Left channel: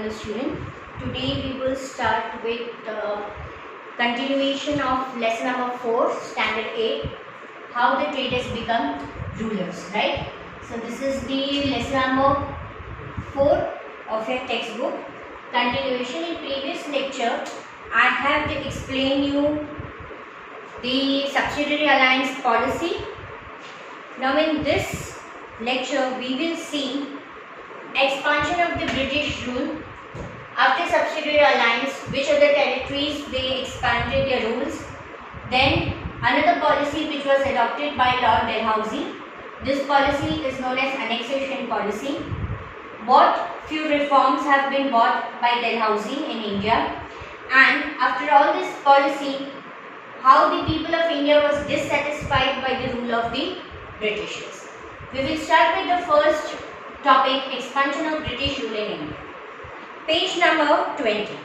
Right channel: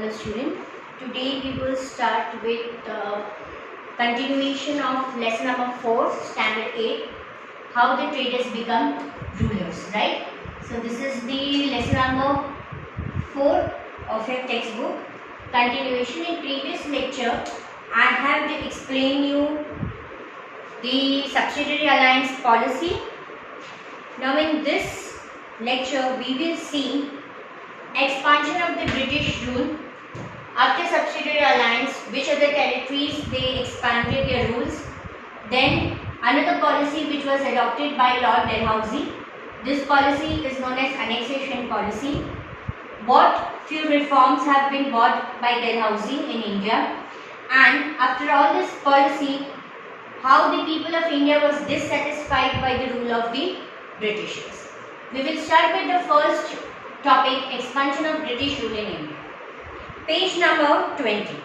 Hello student, today we will start with continuation of lesson number 4, standard 8, how the traders become rulers, right? So this is the lesson number 4 of your textbook. Continuation. In previous lecture, I have explained you the subsidiary alliance policy. Now in this lecture, we will see expansion of the British rule. After subsidiary alliance, which other territories they expanded their rules. Then another policy which was adopted by Lord Dalhousie. This policy is known as annexation policy. What few reforms have been brought by Dalhousie in India, and after all this policy, how the people of India was dissatisfied by the rule of the Britishers. We will start with the first topic, expansion of British rule in India. Page number 20.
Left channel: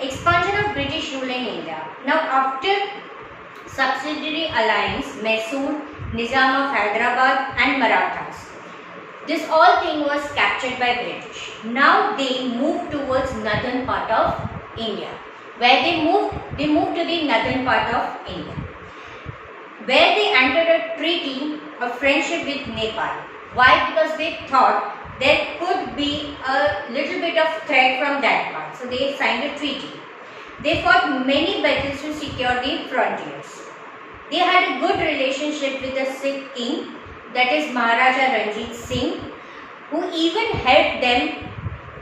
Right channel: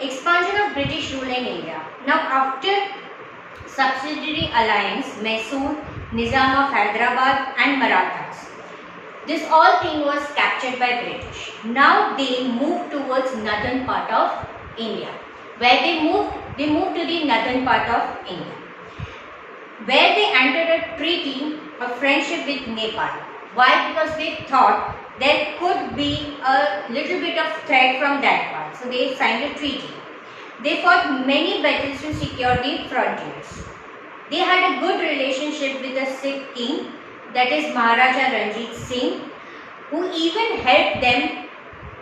Expansion of British rule in India. Now after subsidiary alliance, Mysore, Nizam of Hyderabad and Marathas, this all thing was captured by British. Now they moved towards northern part of India. Where they moved to the northern part of India, where they entered a treaty of friendship with Nepal. Why? Because they thought there could be a little bit of threat from that part. So they signed a treaty. They fought many battles to secure the frontiers. They had a good relationship with the Sikh king, that is Maharaja Ranjit Singh, who even helped them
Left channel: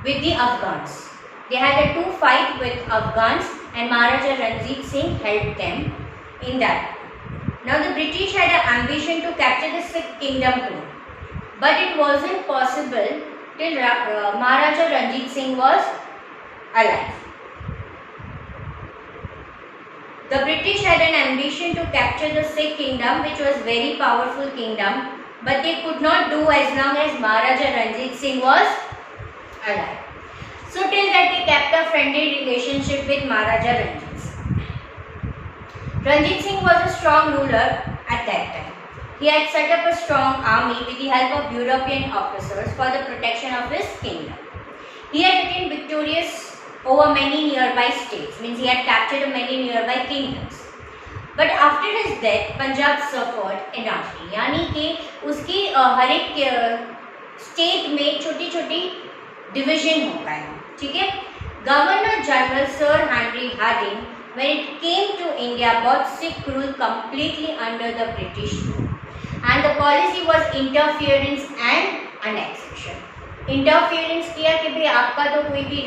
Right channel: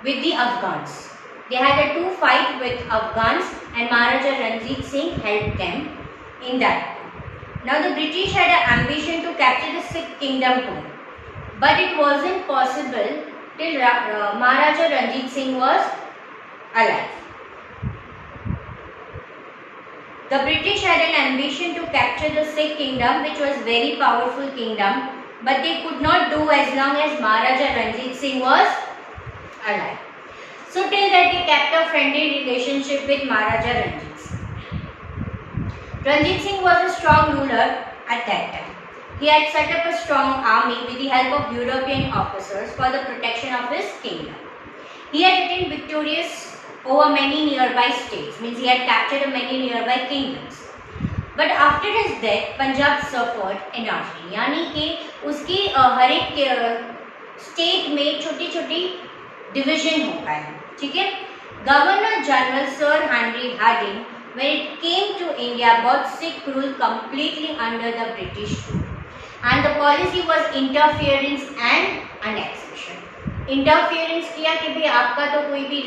with the Afghans. They had a two fight with Afghans and Maharaja Ranjit Singh helped them in that. Now the British had an ambition to capture the Sikh kingdom too. But it wasn't possible till Maharaja Ranjit Singh was alive. The British had an ambition to capture the Sikh kingdom, which was very powerful kingdom, but they could not do as long as Maharaja Ranjit Singh was alive. So till that they kept a friendly relationship with Maharaja Ranjit Singh. Ranjit Singh was a strong ruler at that time. He had set up a strong army with the help of European officers for the protection of his kingdom. He had been victorious over many nearby states, means he had captured many nearby kingdoms. But after his death, Punjab suffered anarchy, यानी कि उसकी हर एक state में छोटी-छोटी division हो गए, ठीक है? Governor General Sir Henry Hardinge, when it came to India, brought Sikh rule completely under the British rule. And the policy was interference and annexation. Interference किया कि भाई आपका तो कोई भी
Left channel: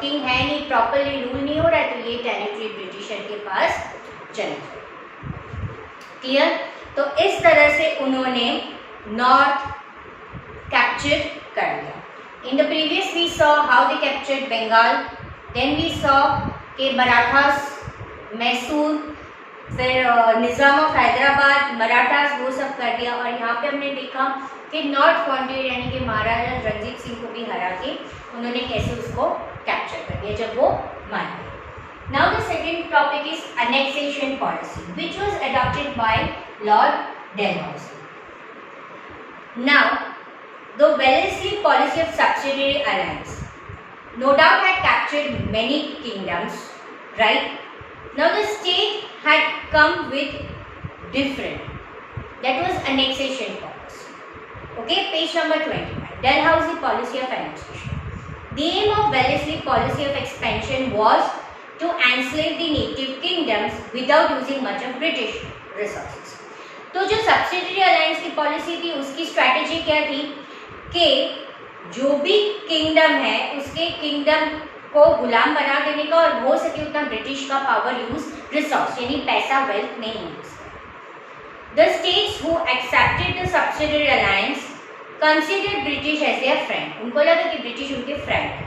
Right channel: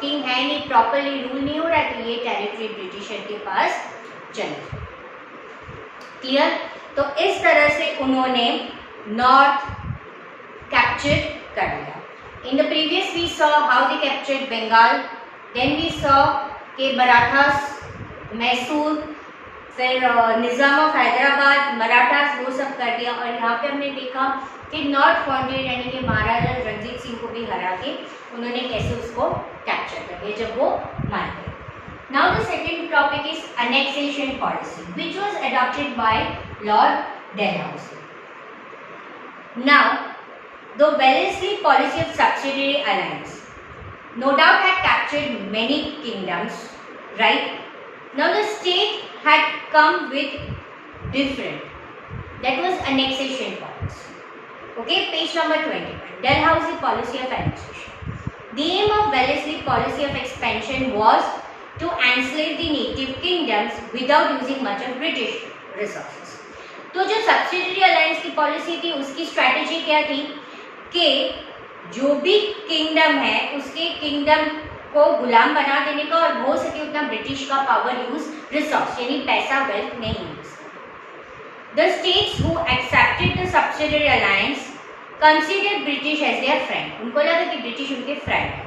किंग है नहीं, प्रॉपरली रूल नहीं हो रहा है, तो ये टेरिटरी ब्रिटिशर के पास चले. क्लियर? तो इस तरह से उन्होंने नॉर्थ कैप्चर कर लिया. In the previous we saw how they captured Bengal. Then we saw कि मराठास, मैसूर, फिर निज़ाम ऑफ हैदराबाद, मराठास, वो सब कर दिया. और यहाँ पे हमने देखा कि नॉर्थ फ्रंटियर यानी कि महाराजा रणजीत सिंह को भी हरा के उन्होंने कैसे उसको कैप्चर कर लिया जब वो मार गए. Now the second topic is annexation policy, which was adopted by Lord Dalhousie. Now the Wellesley policy of subsidiary alliance no doubt had captured many kingdoms, right? Now the state had come with different, that was annexation policy. Okay, page number 21, Dalhousie policy of annexation. The aim of Wellesley policy of expansion was to enslave the native kingdoms without using much of British resources. तो जो subsidiary alliance की policy थी, उसकी strategy क्या थी कि जो भी किंगडम है उसके किंगडम को गुलाम बना देने का और हो सके उतना ब्रिटिश का पावर यूज, रिसोर्स यानी पैसा, वेल्थ नहीं use. The states who accepted the subsidiary alliance considered British as their friend. उनको लगा कि ब्रिटिश उनके फ्रेंड है.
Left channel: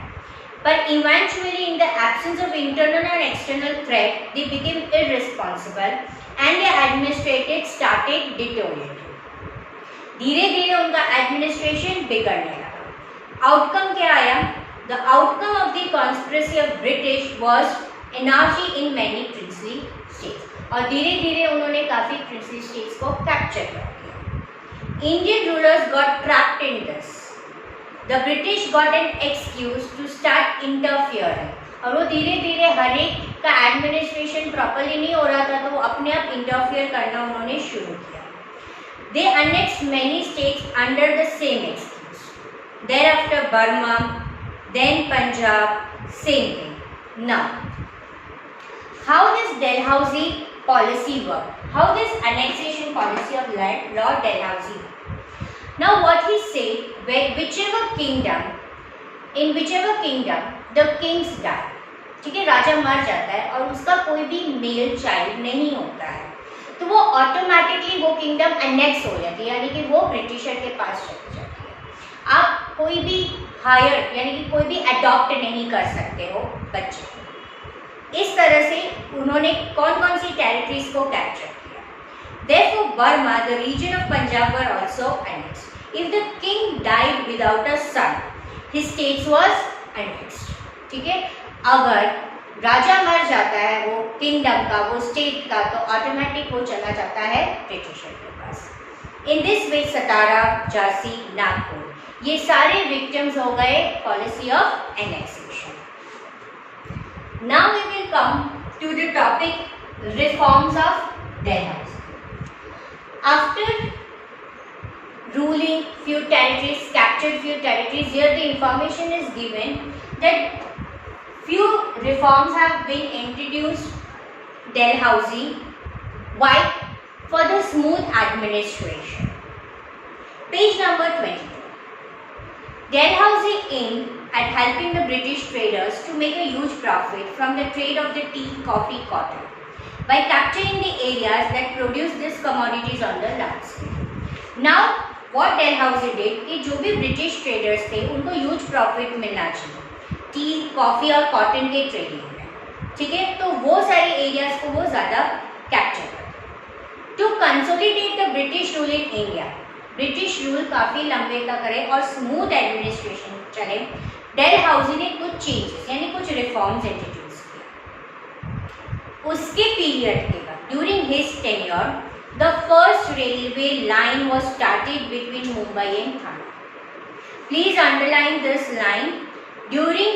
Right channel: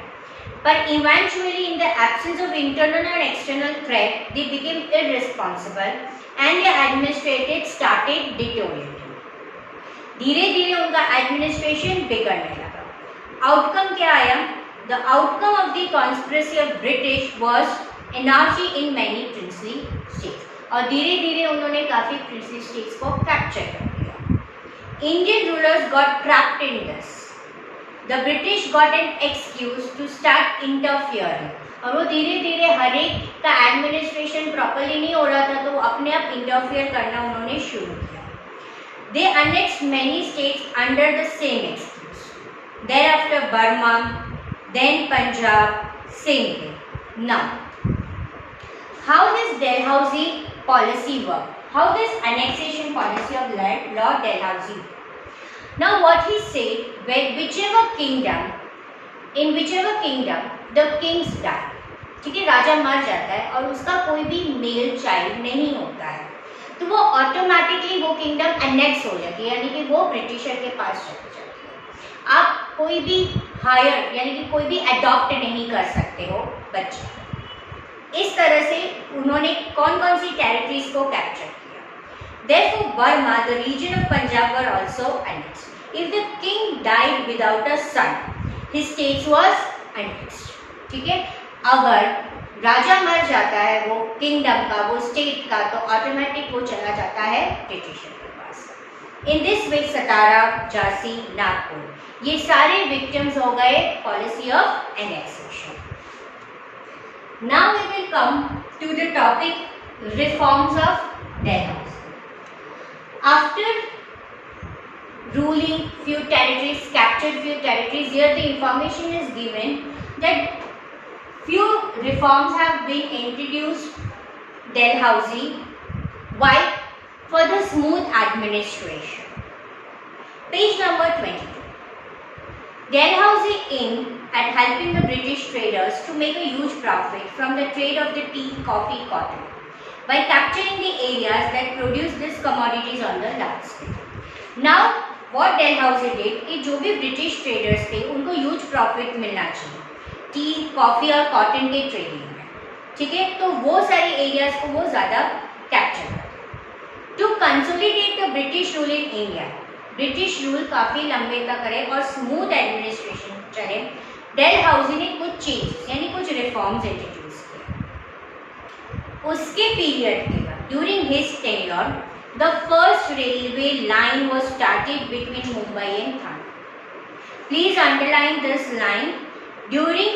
पर eventually in the absence of internal and external threat they became irresponsible and their administrated started deteriorating. धीरे धीरे उनका administration बिगड़ने लगा. आउटकम क्या आया? The outcome of the conspiracy of British was anarchy in many princely states. और धीरे धीरे उन्होंने काफी princely states को कैप्चर कर लिया. Indian rulers got trapped in this. The British got an excuse to start interfering, और वो धीरे धीरे हर एक का एडमिनिस्ट्रेशन प्रॉपरली नहीं हो रहा था तो वो अपने आप इंटरफियर करना उन्होंने शुरू किया. They annex many states under the same excuse. thereafter Burma, then Punjab, same thing. Now, how this Dalhousie policy worked? How this annexation policy of Lord Dalhousie? Now what he said, in whichever kingdom the kings die, ठीक है, राजा मर जाता है और उसका कोई भी male child नहीं होता है तो वो ऑटोमेटिकली वो किंगडम एनेक्स हो जाती है, यानी कि वो ब्रिटिशर के पास चली जाती है. आप कोई भी हायर यानी कि कोई भी अडॉप्ट नहीं कर सकते हो बच्चे. इस तरह से उन्होंने कौन कौन सी टेरिटरीज को कैप्चर किया. Therefore, Burma, the region of Punjab were also annexed. If the king died without a son, his states was annexed. ठीक है, अगर राजा मर जाता है वो किंगडम का, वो स्टेट का, तो ऑटोमेटिक वो चला जाता है ब्रिटिशर के पास. इन दिस वे सतारा, झांसी, नागपुर ये सारे विक्टिम्स हो गए policy of annexation. Now we will come to the topic reforms of Dalhousie. After ruling few territories, captured few territories, here the information is given that few reforms have been introduced Dalhousie. Why? For the smooth administration. Page number 22. Dalhousie aimed at helping the British traders to make a huge profit from the trade of the tea, coffee, cotton by capturing the areas that produce these commodities on the large scale. Now, what Dalhousie did कि जो भी British traders थे उनको huge profit मिलना चाहिए T, coffee और cotton के trading में, ठीक है, तो वो सारी एरियाज को वो ज़्यादा कैप्चर करते. To consolidate the British rule in India, British rule काफ़ी लंबे तक रहे और स्मूथ एडमिनिस्ट्रेशन चले, डेलहाउसी ने कुछ चेंजेस यानी कुछ रिफॉर्म्स इंट्रोड्यूस किए. उसके पीरियड के बाद during his tenure the first railway line was started between Mumbai and Thane. Please underline this line. During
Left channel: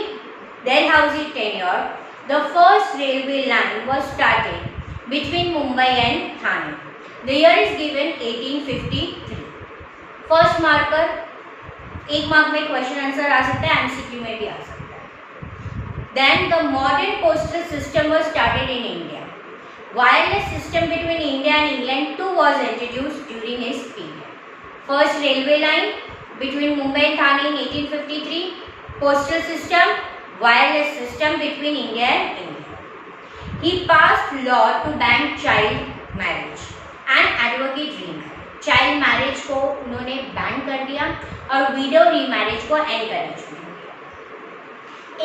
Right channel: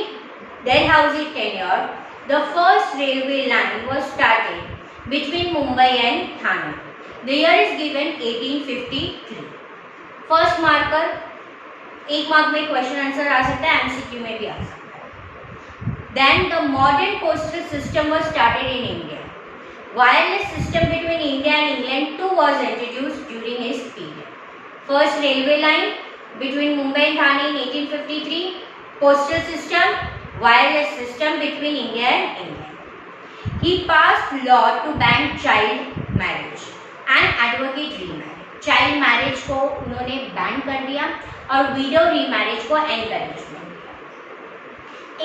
Dalhousie tenure, the first railway line was started between Mumbai and Thane. The year is given 1853. First marker, एक mark में question answer आ सकता है, MCQ में भी आ सकता है. Then the modern postal system was started in India. Wireless system between India and England too was introduced during his period. First railway line between Mumbai and Thane in 1853. Postal system, wireless system between India and England. He passed law to ban child marriage and advocate remarriage. Child marriage को उन्होंने ban कर दिया और widow remarriage को encouragement दिया.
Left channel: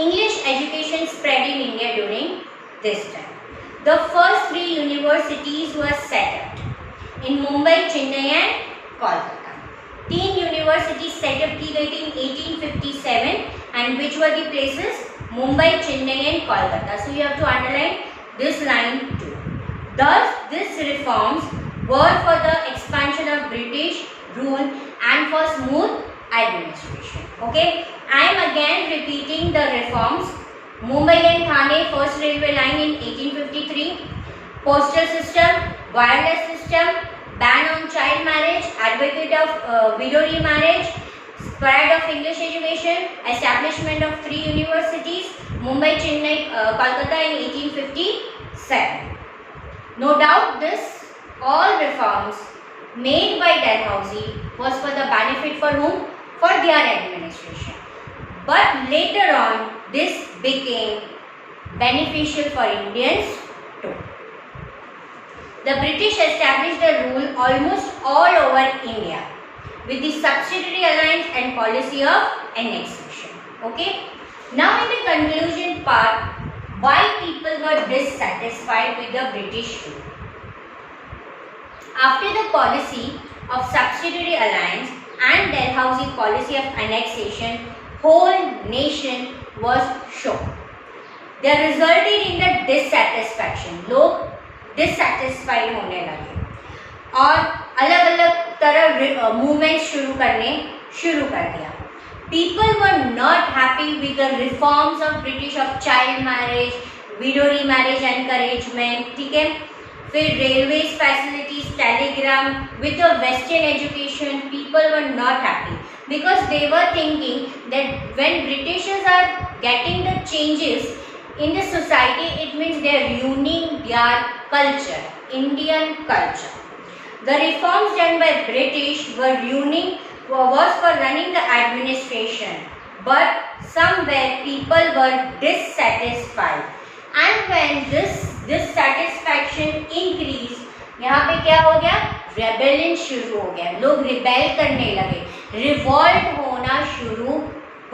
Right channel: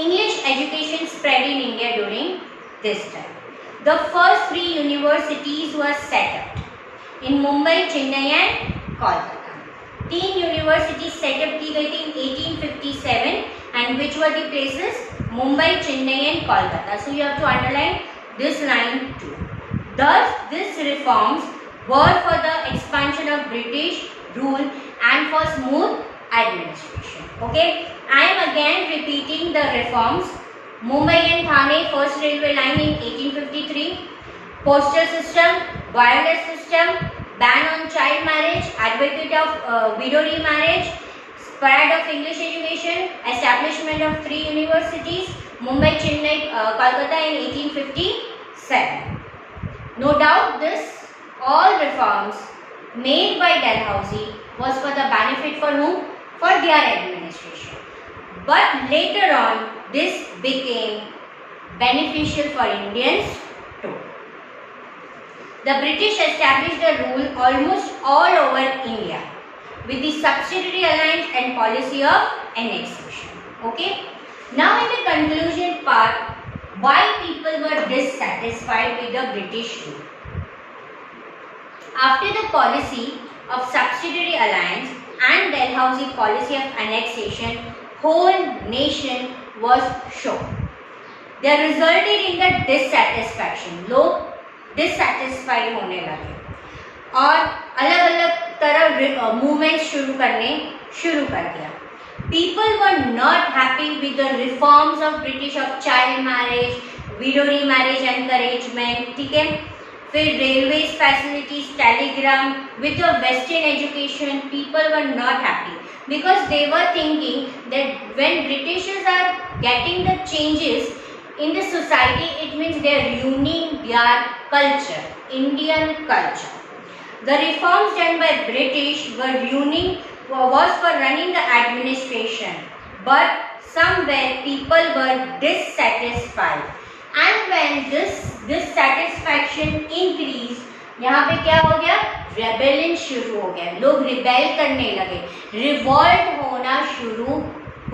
English education spread in India during this time. The first 3 universities were set up in Mumbai, Chennai and Kolkata. 3 universities set up की गई थी in 1857 and which were the places? Mumbai, Chennai and Kolkata. So you have to underline this line too. Thus these reforms were for the expansion of British rule and for smooth administration. Okay, I am again repeating the reforms. Mumbai and Thane first railway line in 1853. Postal system, wireless system, ban on child marriage, advocate of widow remarriage, spread of English education, establishment of 3 universities, Mumbai, Chennai, Kolkata in 1857. No doubt this all reforms made by Dalhousie was for the benefit for whom? For their administration. But later on this became beneficial for Indians too. The British established a rule almost all over India with the subsidiary alliance and policy of annexation. Okay. Now in the conclusion part, why people were dissatisfied with the British rule. After the policy of subsidiary alliance and Dalhousie policy of annexation, whole nation was shocked. They resulted in the dissatisfaction. लोग dissatisfied होने लगे और अलग अलग तरह movement शुरू कर दिया. People were not happy with the reforms of British of child marriage, widow remarriage encouragement, ठीक है. फिर railways facilities, telegram, with the western education, people were not happy because they were thinking that when Britishers are getting the changes in the society, it means they are ruining their culture, Indian culture. The reforms done by British were ruining was for running the administration, but somewhere people were dissatisfied, and when this dissatisfaction increased, यहाँ पे क्या हो गया, rebellion शुरू हो गया, लोग rebel करने लगे, रिवॉल्ट होना शुरू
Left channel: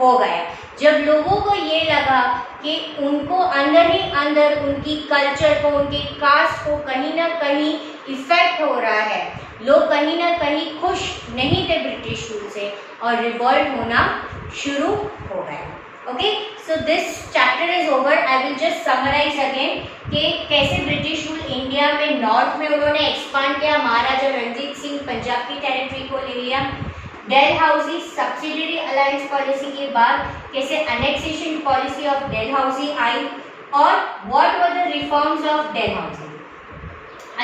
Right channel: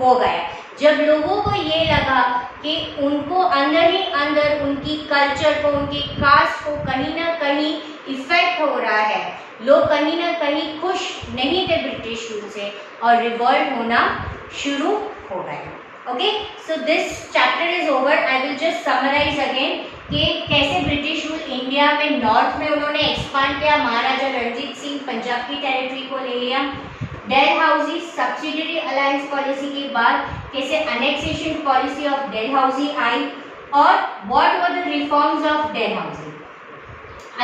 हो गया. जब लोगों को ये लगा कि उनको अंदर ही अंदर उनकी कल्चर को, उनकी कास्ट को कहीं ना कहीं इफेक्ट हो रहा है, लोग कहीं ना कहीं खुश नहीं थे ब्रिटिश रूल से और रिवॉल्ट होना शुरू हो गया. Okay, so this chapter is over. I will just summarise again कि कैसे ब्रिटिश रूल इंडिया में नॉर्थ में उन्होंने एक्सपांड किया, महाराजा रणजीत सिंह पंजाब की टेरिटरी को ले लिया. डेलहाउसी सब्सिडियरी अलायंस पॉलिसी के बाद कैसे अनेक्सेशन पॉलिसी ऑफ डेलहाउसी आई, और what were the reforms of Dalhousie.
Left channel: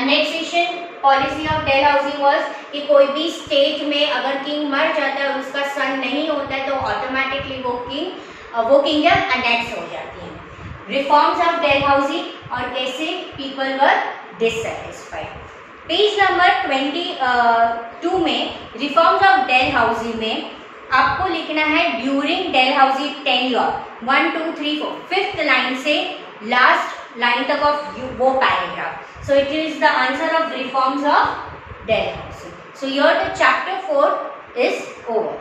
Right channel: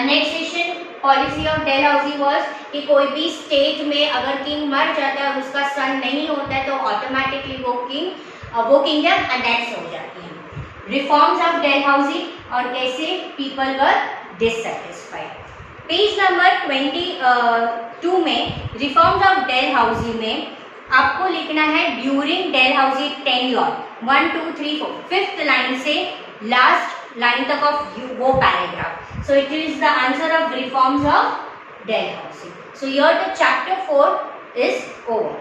Annexation policy of Dalhousie was कि कोई भी स्टेट में अगर किंग मर जाता है और उसका सन नहीं होता है तो ऑटोमेटिकली वो किंगडम अनेक्स हो जाती है. रिफॉर्म्स ऑफ डेलहाउसी और कैसे people were dissatisfied. Page number 22 में रिफॉर्म्स ऑफ डेलहाउसी में आपको लिखना है during Dalhousie tenure, 1 2 3 4 fifth line से लास्ट लाइन तक ऑफ वो paragraph. So it is the answer of reforms of Dalhousie. So here the chapter 4 is over.